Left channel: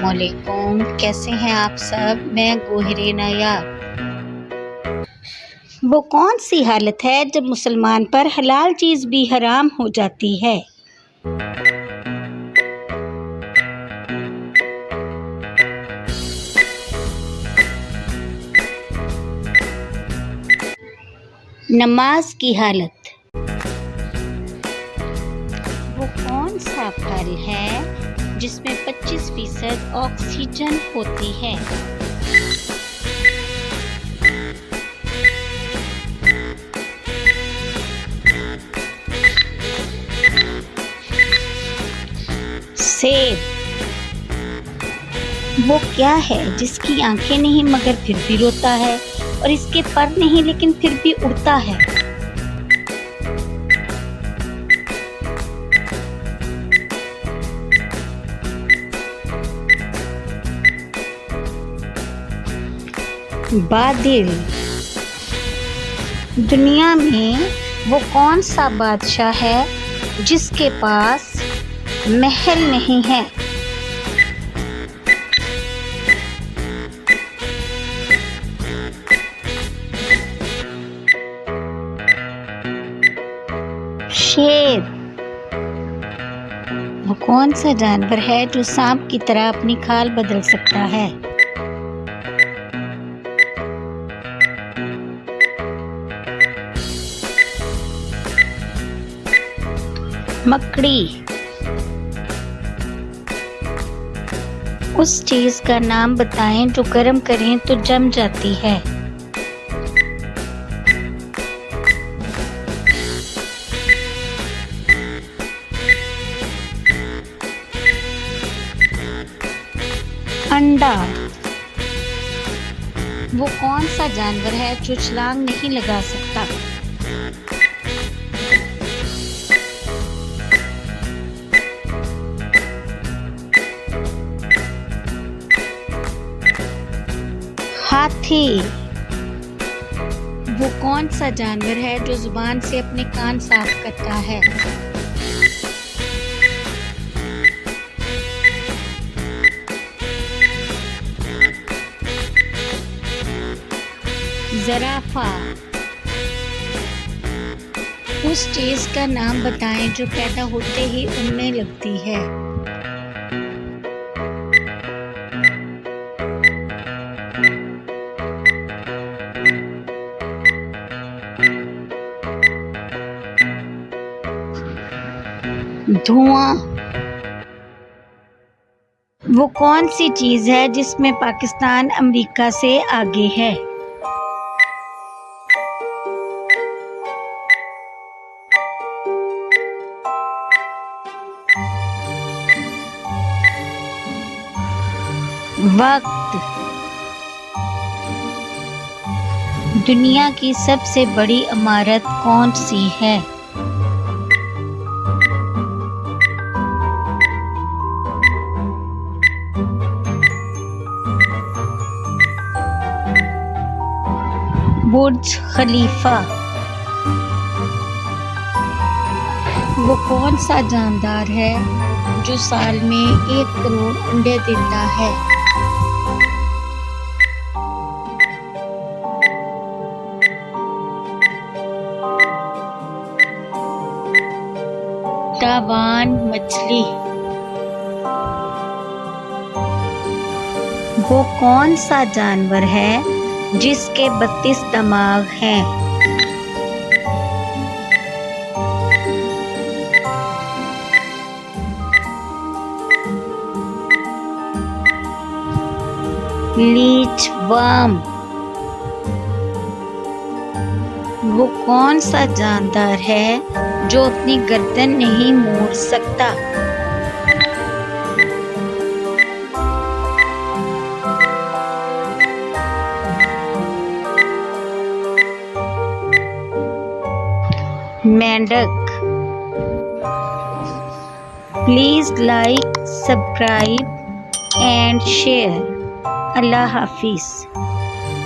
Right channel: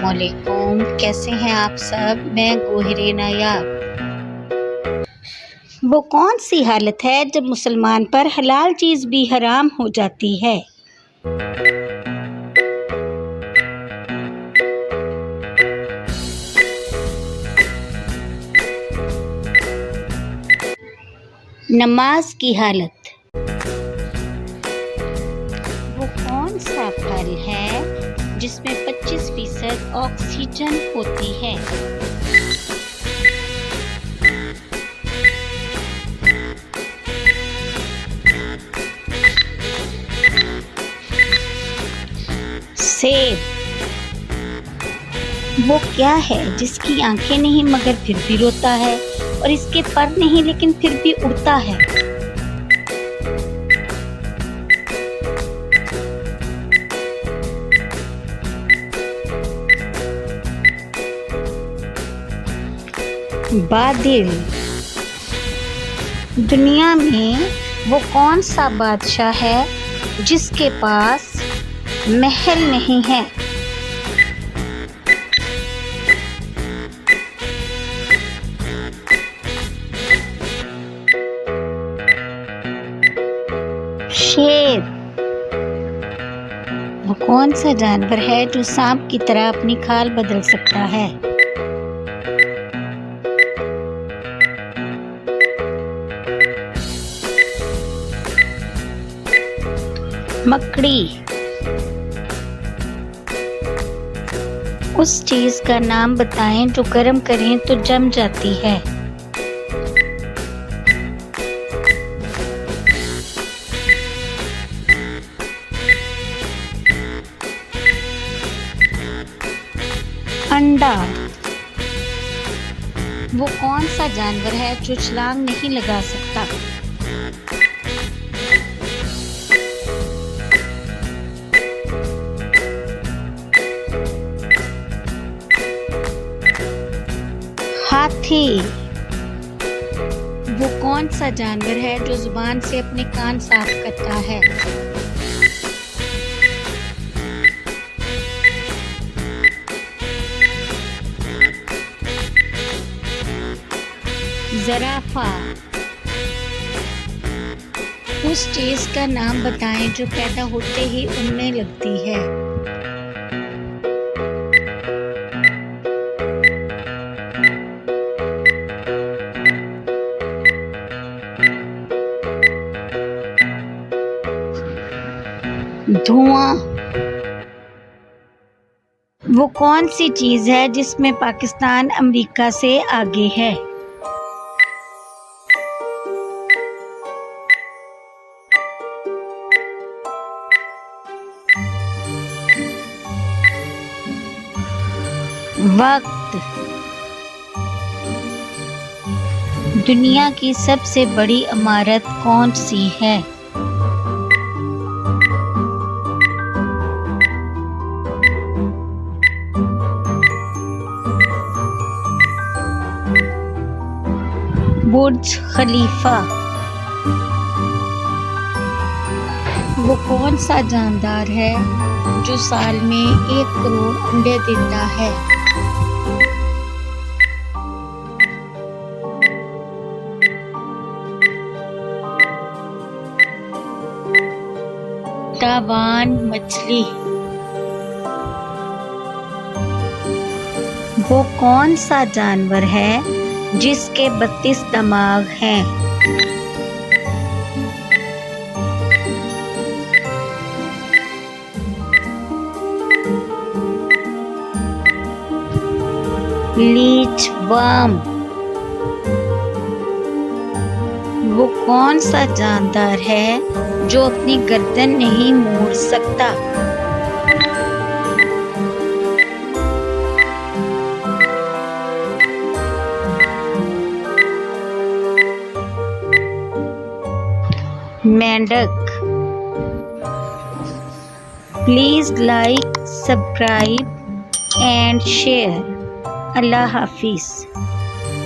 अस्सलामुअलैकुम, कैसे हैं आप सब। मैं गोहरे नायाब। वो कौन सी हालत है जब मुसलमान पर हलाल चीज़ भी हराम हो जाती है। नमाज की हालत। वो कौन सा फल है जिसमें 25% ऑक्सीजन होती है। सेब। वो क्या है जिसकी आंखें नहीं मगर फिर भी रोता है, और इसके पर नहीं लेकिन फिर भी उड़ता है। बादल। दुनिया में वो कौन सा बादशाह है जिसके पास महल नहीं है। शेर। वो कौन सा जानवर है जो सांप की तरह अपनी खाल बदल सकता है। मकड़ी। उस चीज का नाम बताएं जो गर्म करें तो जम जाती है। अंडा। वो कौन सा जानवर है जो छलांग नहीं लगा सकता। हाथी। वो कौन सा जानवर है जो जुबान से अपने कान साफ करता है। ज़राफ़ा। उस चीज का नाम बताएं जो पैदा होते ही उड़ने लगती है। धुआं। वो कौन सी चीज है जिसमें पाकिस्तान अमेरिका से आगे है। वक्त। दुनिया की सबसे बड़ी इमारत कौन सी है। बुर्ज खलीफा। वो कौन सा जानदार है जो साल में 1 करोड़ अंडे देता है। तावान मछली। वो कौन सा जानवर है जिसके 32 दिमाग हैं। Leech worm. वो कौन सा जानदार है जो अपनी गर्दन नहीं मोड़ सकता। मेंढक। Please like, subscribe and share. Allah Hafiz.